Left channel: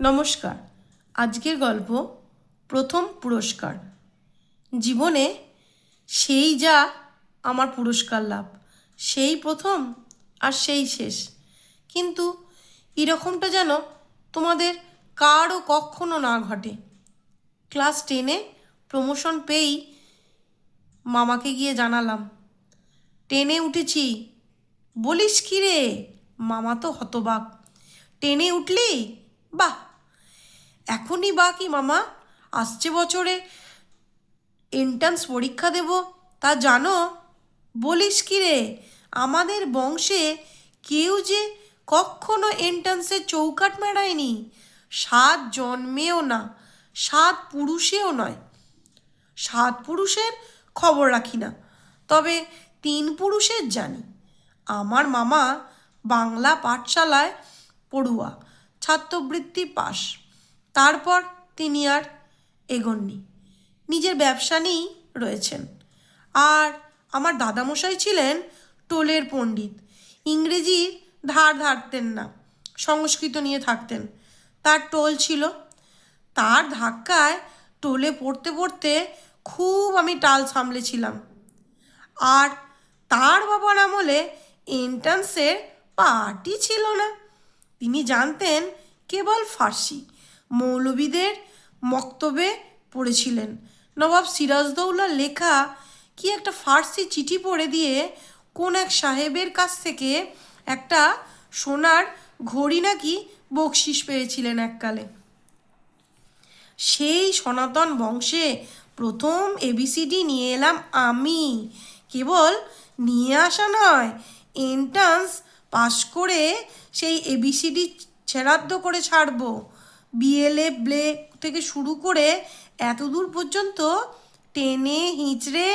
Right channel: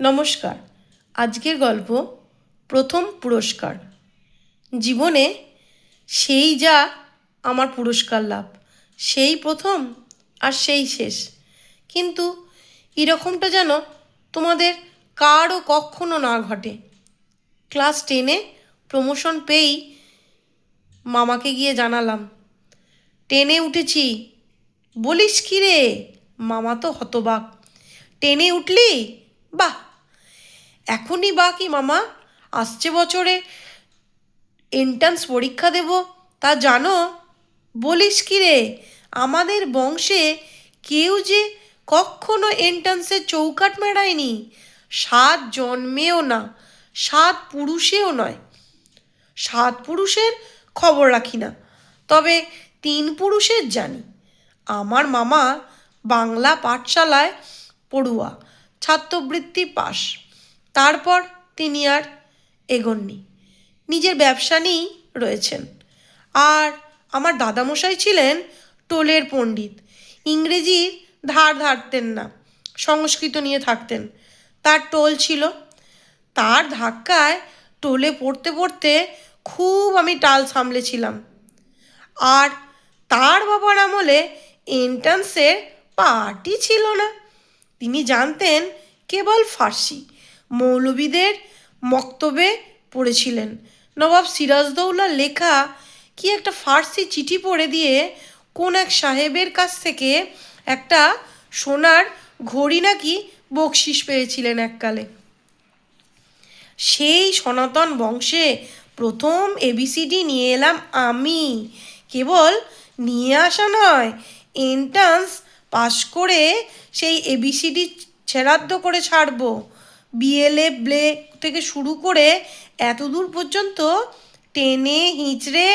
নমস্কার। আজকের গল্প প্রথম পুরস্কার। জীবনে সেই যা আমার পুরস্কার লাভ, সেই প্রথম আর সেই শেষ। কিন্তু এরকমটা যেন তোমাদের কারও কখনো না ঘটে। ক্লাস 10-এ প্রমোশন পেয়েই মামাকে গিয়ে জানালাম 10-এ উঠেছি। বলিস কি রে? মামা তো হতবাক। 10-এ উঠলি? বাহ! এখনই বা কি মামা? আসছে বছরে এন্ট্রান্স পরীক্ষা দেব, তা জানো? বলিস কি রে? আমাদের বংশে কেউ যে কখনো এন্ট্রান্সের চৌকাঠ মেরায়নি। 7 জন্মেও না, 7 পুরুষেও নয়। 7 পুরুষের খবর রাখি না, তবে 3 পুরুষের জানি। আমার মামা বাংলা পাঠশালায় পড়ুয়া, ছাত্রবৃত্তি পাস। তারপর তিনি আর এগোননি, নিজের ব্যবসা নিয়েই রয়েছেন। আর আমার দাদামশাই ছিলেন টোলের পণ্ডিত। ইংরেজি ধার ধারতেন না, সংস্কৃত নিয়ে থাকতেন। তার টোল ছিল। তার ধাক্কায় টোলে পড়তে পড়তে খুব আমি টাল সামলেছিলাম। আর তার বাবার আমলে এন্ট্রান্সের পার্টি ছিল না। তিনি জানতেন কেবল ফার্সি। মৌলবীদের মক্তবে পড়েছিলেন। নবাব সিরাজদৌল্লার লেখা কি একটা ফার্সি চিঠি পড়ে দিয়ে কোন এক সাহেবের কাছ থেকে একটা সোনার ঘড়ি নাকি বকশিস পেয়েছিলেন এককালে। সেই সনাতন বংশে প্রথম এবিসিডি নিয়ে এলাম আমি। কেবল নিয়ে আসা নয়, এন্ট্রান্স পাশ করে সেই এবিসিডি ছেড়াদ্দ করে ছাড়বো। বিএলএ ব্লে থেকে শুরু করে এতদূর পর্যন্ত টেনে হিঁচড়ে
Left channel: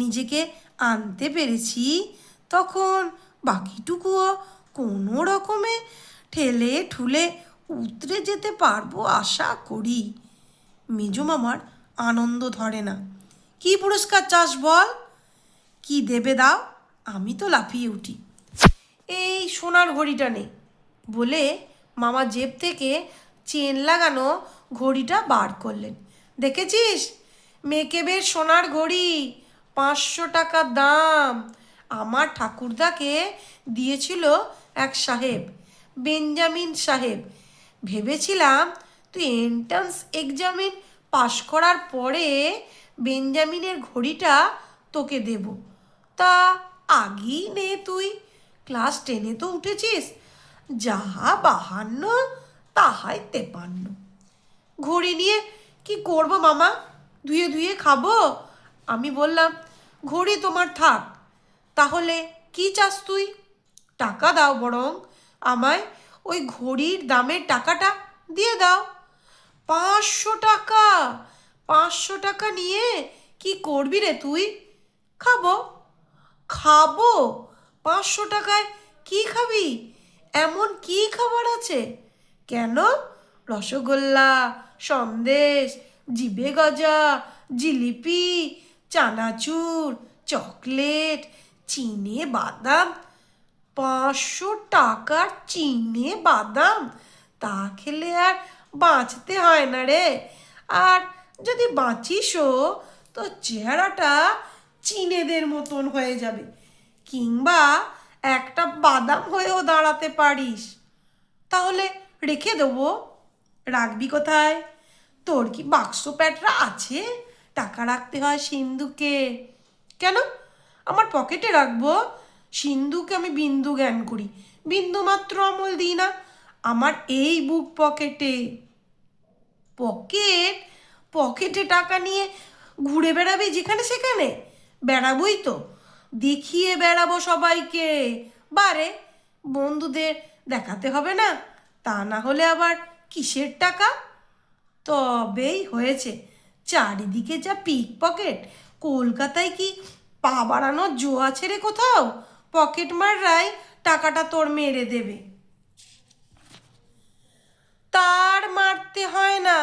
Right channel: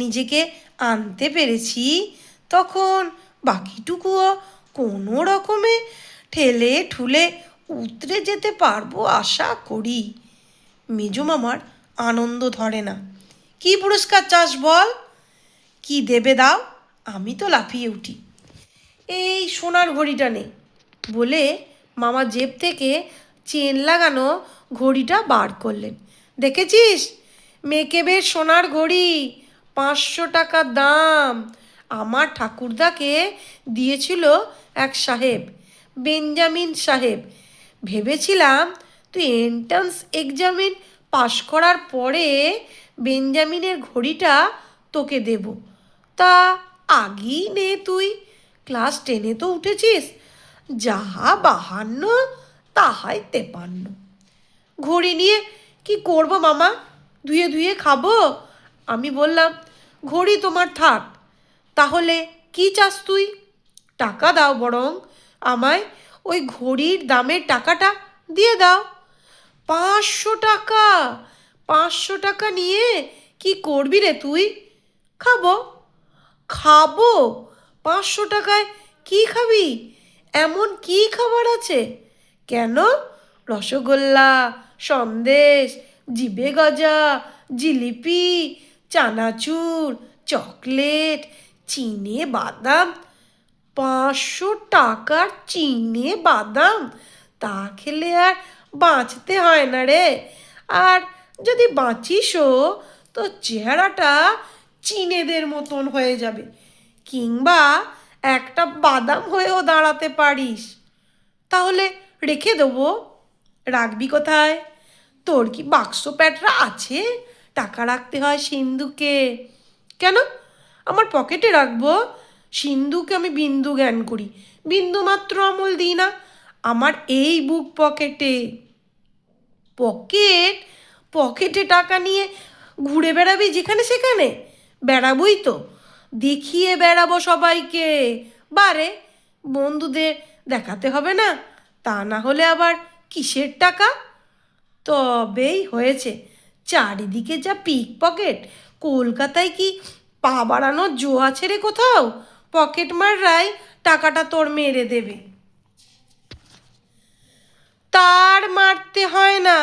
নিজেকে আনতে পেরেছি, তখন বাকিটুকুও কোনো রকমে ঠেলে ঠুলে উতরে যেতে পারবো আশা করি। মেজো মামার আনন্দ ধরে না। কি পুরস্কার চাস বল? কি দেবে দাও? আমি তো লাফিয়ে উঠি। এই সোনার ঘড়িটা নে বলে মামা জেব থেকে চেন লাগানো ঘড়িটা বার করলেন। দেখেছিস? মেকেবের সোনার ঘড়ি, 500 টাকা দাম। আমার ঠাকুরদাকে দিয়েছিল এক সাহেব, বেঞ্জামিন সাহেব। ভেবেছিলাম তুই এন্ট্রান্স এক্সামিন পাশ করার পরে বেঞ্জামিনের ঘড়িটা তোকে দেব। তা আগেই নে তুই, ক্লাস 10-এ তো উঠেছিস। যাহা 52 তাহাই 53। ঘড়ি নিয়ে কি করব মামা? ধুয়ে ধুয়ে খাবো? আমি বললাম, ঘড়ি তোমার থাক। তাহলে কি চাস তুই? টাকা দাও, বরং আমায় ওই ঘড়ির দামের টাকাটা দিয়ে দাও। 500 টাকা? 500 টাকা নিয়ে কি করবি রে তুই? খাবো। খাবো? 500 টাকায় কি খাবি? এমন কি খাবার আছে? কেন? রসগোল্লা, সন্দেশ, জিবে গজা, জিলিপি, চানাচুর, চকলেট, চিনে বাদাম। 500 টাকার চিনে বাদাম? তা খেলে আর বাঁচতে হয় না রে। আর যদি বাঁচিসও তো চেহারাটা চীনেদের মতন হয়ে যাবে, কিংবা একটা বাদাম হয়েও দাঁড়াতে পারিস। তাহলে রেখে দেবো। রাখবি কোথায়? তোর কি বাক্স প্যাটরা আছে? টাকা রাখতে হয় সিন্ধুকে। কেন? আমার পকেটে রাখবো? সিন্ধুকে আমি বিন্দু জ্ঞান করি, বিন্দু মাত্র আমল দিই না। আমার এই বুক পকেটে। পকেট? পকেটে টাকা নিয়ে ঘুরে বেড়াবি যেখানে সেখানে? বেড়াবই তো, দেখিয়ে বেড়াবো সবাইকে। বারে, বন্ধুদের দেখাতে হবে না? তা না হলে আবার কিসের টাকা? তবেই হয়েছে, চারিদিকে যা পিক পকেট। কলকাতায় কি পা বাড়ানোর জো আছে রে কোথাও? পকেট মাররাই টাকাটা তোর মেরে দেবে। তার মারতে হয় না,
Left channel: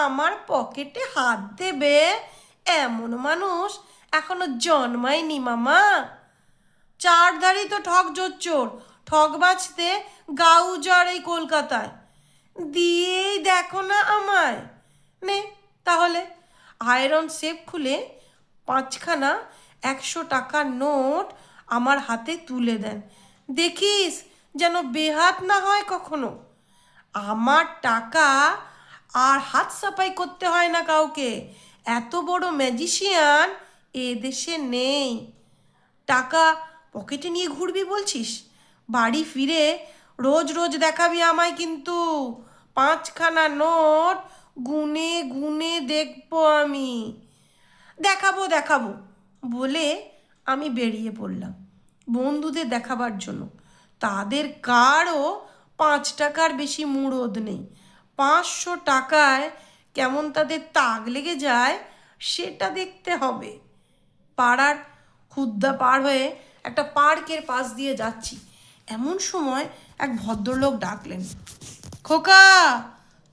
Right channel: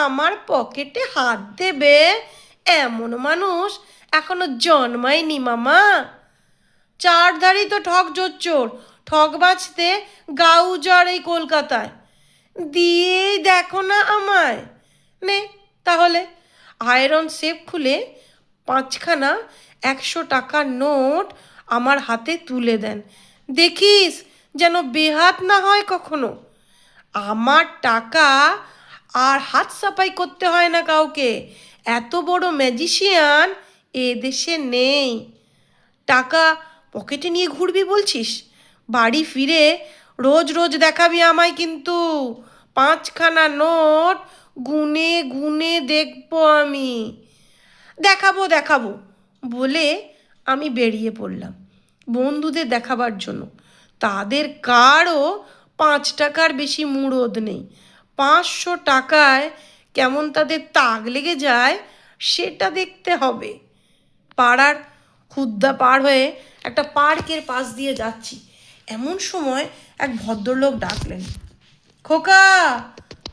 আমার পকেটে হাত দেবে এমন মানুষ এখনো জন্মায়নি মামা। চারধারি তো ঠক জোচ্চোর, ঠক বাজতে গা উজাড় এই কলকাতায়। দিয়েই দেখো না আমায়। নে তাহলে আয়রন সেফ খুলে 5খানা 100 টাকার নোট আমার হাতে তুলে দেন। দেখিস যেন বেহাত না হয় কখনো। আমার টাকা আর হাত সাফাই করতে হয় না কাউকে। এত বড় ম্যাজিশিয়ান এ দেশে নেই। টাকা পকেটে নিয়ে ঘুরবি বলছিস? বাড়ি ফিরে রোজ রোজ দেখাবি আমায় কিন্তু। 5খানা নোট গুনে গুনে দেখবো আমি। দেখাবো দেখাবো বলে আমি বেরিয়ে পড়লাম বন্ধুদের দেখাবার জন্য। তাদের কারও 5 টাকার বেশি মুরদ নেই। 500 টাকায় কেমন তাদের তাক লেগে যায় সেটা দেখতে হবে। পাড়ার হুদ্দা পার হয়ে একটা পার্কের পাশ দিয়ে যাচ্ছি, এমন সময় এক ভদ্রলোক ডাকলেন, খোকা,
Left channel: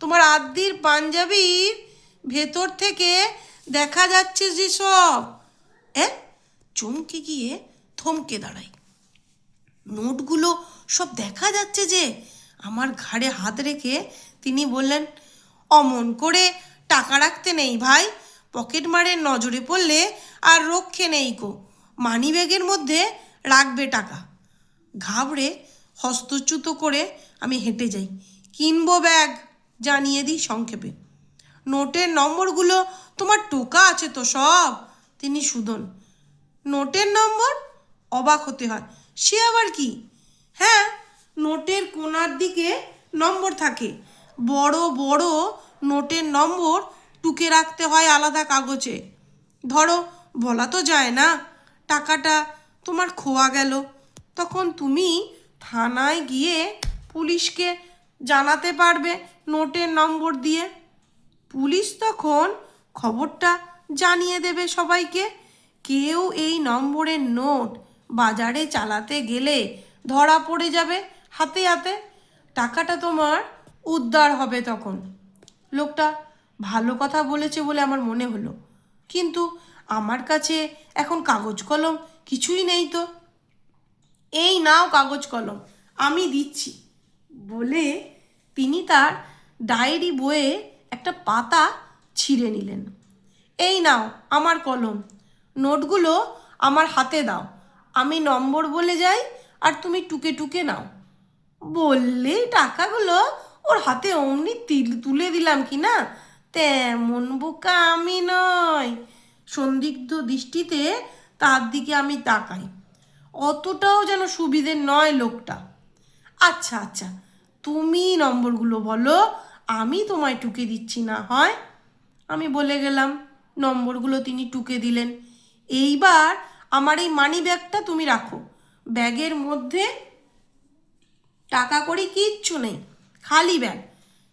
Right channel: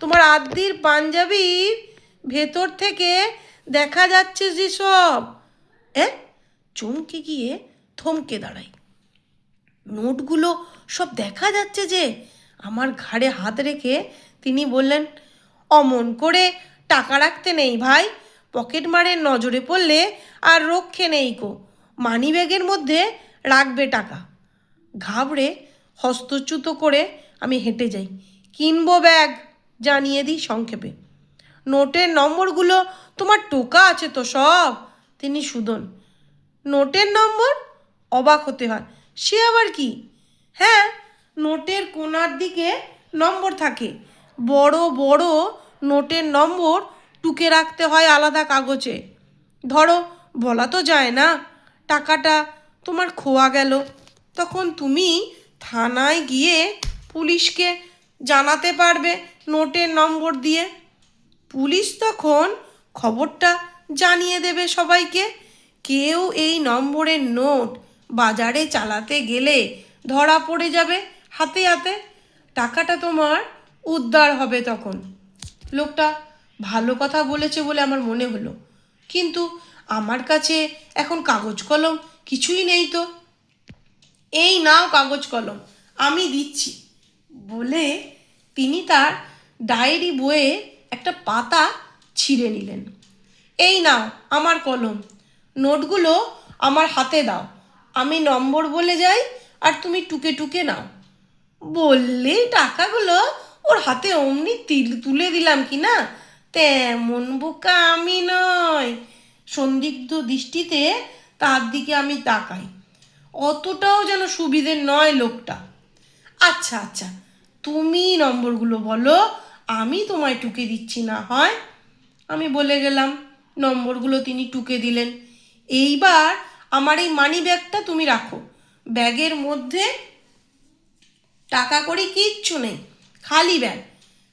তোমার আদ্যির পাঞ্জাবির ভেতর থেকে দেখা যাচ্ছে যে সব। চমকে গিয়ে থমকে দাঁড়াই। নোটগুলো সব দেখা যাচ্ছে যে। আমার ঘাড়ে হাত রেখে তিনি বললেন, অমন করে টাকা রাখতে নেই ভাই, পকেট মারের নজরে পড়লে আর রক্ষে নেই কো। মানি ব্যাগের মধ্যে রাখবে টাকা। ঘাবড়ে হস্তচ্যুত করে আমি হেঁটে যাই। কিনবো ব্যাগ, জানিয়ে দিই সংক্ষেপে। নোটের নম্বরগুলো তোমার টোকা আছে তো সব? তিনি সুদন। নোটের নম্বর? অবাক হতে হয়। সে আবার কি? হ্যাঁ, নোটের কোণার দিকে নম্বর থাকে। বড় বড় নোটের নম্বর টুকে রাখতে হয় আলাদা কাগজে। ধরো, বলা তো যায় না টাকাটা তোমার খোয়া গেল, তখন তুমি থানায় গিয়ে পুলিশকে জানাতে পারবে নোটের নম্বর দিয়ে। পুলিশ তখন খবরটা জানিয়ে দেবে সবাইকে। কেউ এই নম্বরের নোট বাজারে চালাতে গেলে ধরা পড়ে যাবে হাতে হাতে। টাকাটা তোমার উদ্ধার হবে তখন। লোকটা ভালো কথা বলেছে বলে আমার মনে হলো, কিন্তু আমার কাছে এখন কাগজ কলম কিছুই নেই তো। এই নাও কাগজ কলম, আমি দিচ্ছি বলে তিনি তার ডায়েরি বইয়ে একটা পাতা ছিঁড়ে নিলেন। এই নাও আমার কলম, নোটগুলো আমার হাতে দাও, আমি নম্বর বলে যাই আর তুমি টুকে টুকে নাও। বললেই টাকাগুলো ওর হাতে অমনি তুলে দিলাম কি না, তেমন বোকা আমি নয়। সন্দিগ্ধ দৃষ্টিতে তার দিকে আমি তাকাই। অতটাও যেন সুবিধের নয় লোকটা। আচ্ছা আচ্ছা, তুমি নম্বরগুলো বলো, আমি তোমায় টুকে দিচ্ছি না হয়। আমি বলে গেলাম। নম্বরগুলো তিনি টুকে দিলেন। এইবার আমার এই মানি ব্যাগটা তুমি রাখো। ব্যাগের মধ্যে টাকা কড়ি কিচ্ছু নেই, খালি ব্যাগ।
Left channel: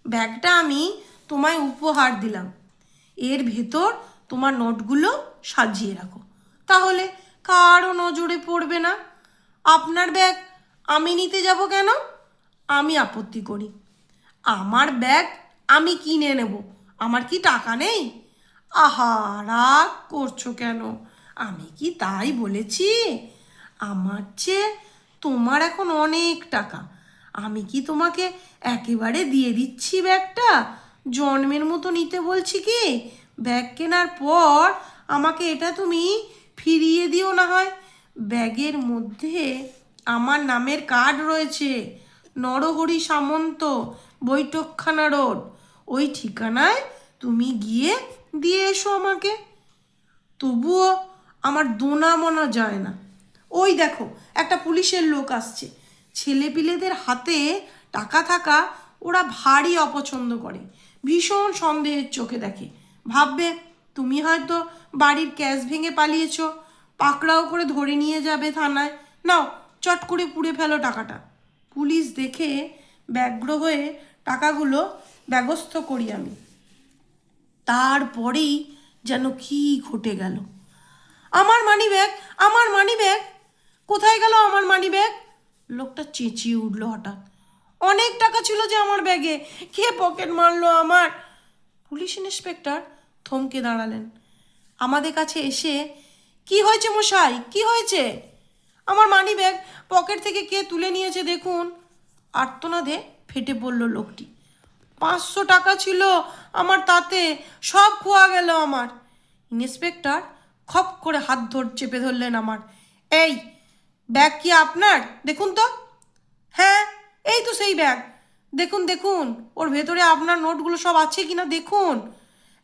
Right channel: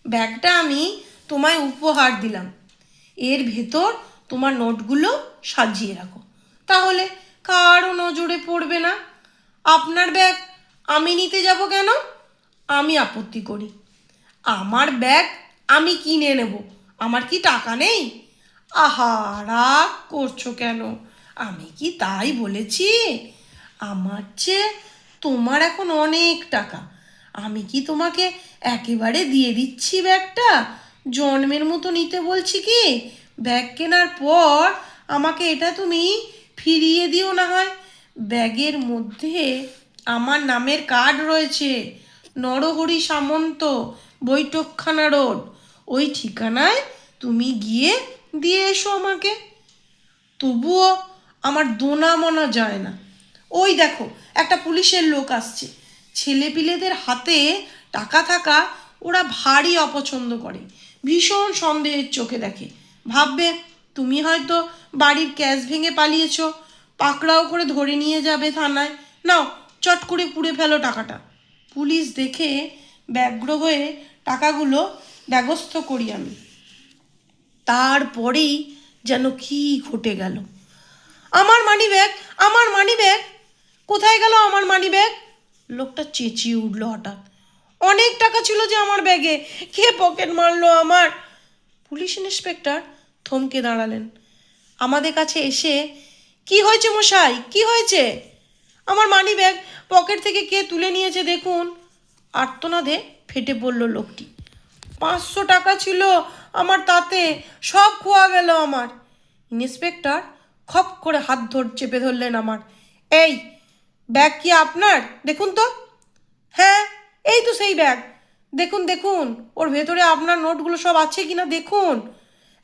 ব্যাগটা আমি তোমায় উপহার দিলাম। এর ভেতর তোমার নোটগুলো সাজিয়ে রাখো, তাহলে কারও নজরে পড়বে না। আপনার ব্যাগ আমি নিতে যাব কেন? আমি আপত্তি করি। আমার ব্যাগ আমি কিনে নেব, আমার কি টাকা নেই? আহা, রাগ করছো কেন? আমি কি তাই বলেছি? আমার চেয়ে তোমার এখন অনেক টাকা, আমি কি তোমাকে একেবারে দিয়ে দিচ্ছি ব্যাগটা? জন্মের মতো নিতে বলছি কি? ব্যাগ কেনার পর আমাকে এটা তুমি ফিরিয়ে দিও না হয়। ব্যাগের মধ্যে আমার নামের কার্ড রয়েছে, নরহরি সামন্ত, বৈঠকখানা রোড। ওই ঠিকানায় তুমি গিয়ে দিয়ে এসো আমাকে। তবুও আমার দোনা মনা যায় না। ওই দেখো, একটা পুলিশের লোক আসছে। ছেলেপিলেদের হাতে টাকা থাকা ওরা ভারী অপছন্দ করে, ভীষণ সন্দেহের চোখে দেখে। ভাববে তুমি হয়তো বাড়ির ক্যাশ ভেঙে পালিয়েছ, পাকড়াও করে ধরে নিয়ে যাবে থানায়। নাও, চট করে পুড়ে ফেলো টাকাটা। পুলিশ দেখে ব্যগ্র হয়ে টাকাগুলো ব্যবস্থ করি আমি। তারপরেই যেন কি ঘটে গেল। আমার মানি ব্যাগ, আমার মানি ব্যাগ, কোথায় গেল আমার মানি ব্যাগ? লোকটা চেঁচিয়ে উঠল হঠাৎ। অনেক টাকা ছিল যে আমার ব্যাগে, কে পকেট মারলো আমার? পুলিশ ইন্সপেক্টর থমকে দাঁড়ালেন। আমাদের কাছে এসে, কি হয়েছে মশাই, কি হয়েছে? আমার মানি ব্যাগ পকেট থেকে কে তুলে নিয়েছে দেখুন। আর্তনাদে ফেটে পড়ল লোকটি। 500 টাকা ছিল আমার, তাতে সব খোয়া গেল আমার। ইন্সপেক্টর খপ করে হাত চেপে ধরলেন আমার। এই ব্যাগ কি আপনার? দেখুন তো। হ্যাঁ, এই তো সেই ব্যাগ। দেখুন দেখুন, ওর ভেতরে আপনার নোটগুলো সব আছে কিনা দেখুন।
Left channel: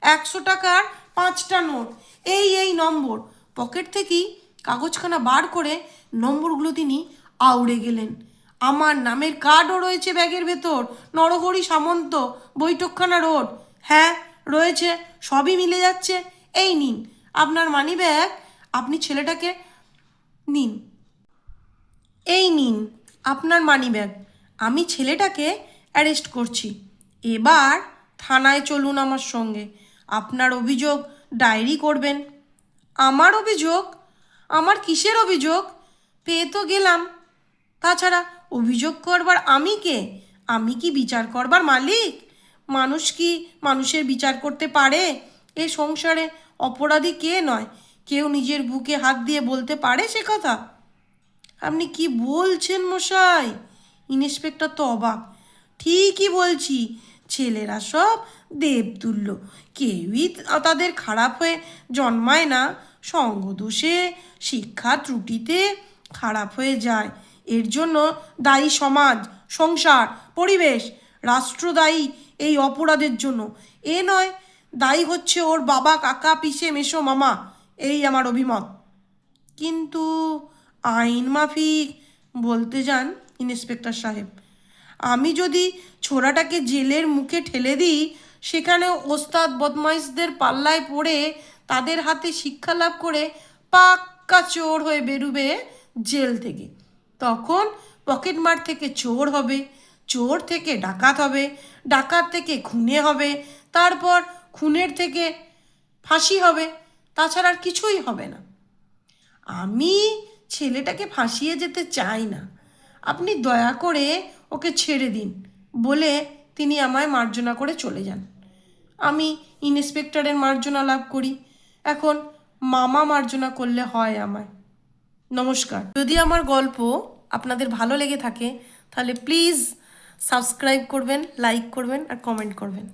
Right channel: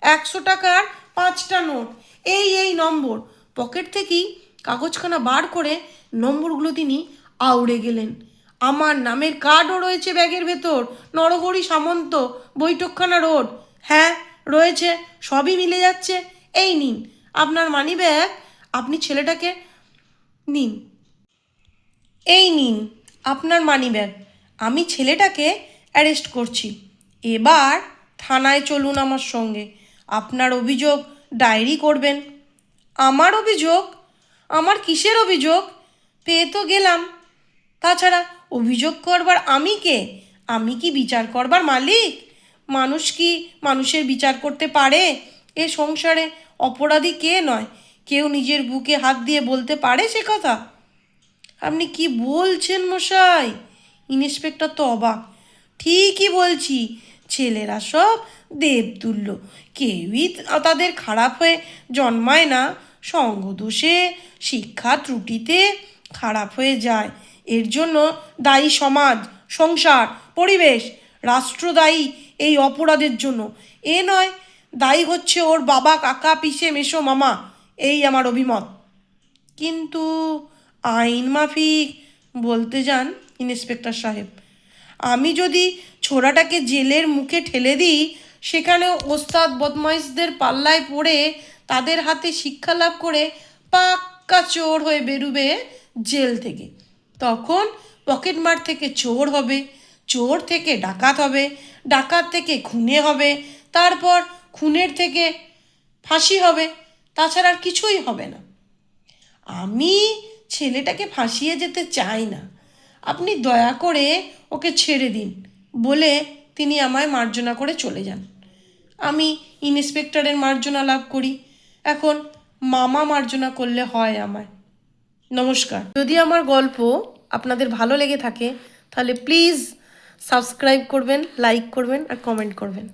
100 টাকার 5টা নোট, এই নম্বর। পকেট থেকেই কাগজখানা বার করে নম্বরগুলো তিনি আউড়ে গেলেন। আমার নামের কার্ডও রয়েছে ব্যাগের ভেতর, নরহরি সামন্ত, বৈঠকখানা রোড। হ্যাঁ রয়েছে, সবই মিলে যাচ্ছে। এই নিন আপনার মানি ব্যাগ, আপনি ছেলেটাকে নিন। এই নিন আপনার মানিব্যাগ, আমি ছেলেটাকে অ্যারেস্ট করছি। এবার থানায় চলুন আমার সঙ্গে, আপনার অভিযোগ ডায়েরি করবেন। আমার অভিযোগ? আমার কিসের অভিযোগ? পেয়ে তো গেলাম। তাছাড়া অভিযোগ করবার আমি কে? আমি কি বিচার করবার মালিক? মানুষ কি মানুষের বিচার করতে পারে? এ সংসারে অপরাধী কে নয়? কেউ নিজের বুকে হাত দিয়ে বলতে পারে সে কথা? আপনি কি বলছেন মশাই? ইন্সপেক্টর তো অবাক। ঠিকই বলছি, ছেলেরা সব দেবতুল্য, কেউই তাদের খারাপ হয়ে জন্মায় না। সঙ্গদোষে, শিক্ষা ত্রুটিতে খারাপ হয়ে যায়। এর জন্য দায়ী সমাজ, সংসার, পরিবেশ, রাষ্ট্র দায়ী এই অপরাধের জন্য। এ নয় দায়ী হচ্ছে ওর বাবা, কাকা, পিসে, মেসো, মামা। এই আমার অভিমত। কিন্তু আইন মাফিক বলতে যান ইন্সপেক্টর সাহেব, আমি যদি ছোড়াটাকে জেলের মুখে ঠেলে দিই, সেখানে ওস্তাদ বদমাইশদের পাল্লায় পড়ে তাদের হাতে শিক্ষা লাভ করে পাক্কা চোর হয়ে বেরুবে জেল থেকে। তখন পকেটমার থেকে চোর হবে, চোর থেকে ডাকাত হবে, ডাকাত থেকে খুনে হবে, তারপর খুনের থেকে ফাঁসি হবে। তাছাড়া আর কিছুই হবে না। আমি ছেলেটাকে ফাঁসিয়ে যেতে চাই না, আপনি দয়া করে ওকে ছেড়ে দিন বলে তিনি আমায় মার্জনা করে চলে যান। আমি ইন্সপেক্টরের মার্জনা লাভ করি, এখন মামা মার্জনা করলে হয় আমায়। নমস্কার। যদি আমার গল্প আপনাদের ভালো লেগে থাকে তাহলে প্লিজ সাবস্ক্রাইব করবেন, লাইক করবেন আর কমেন্ট করবেন।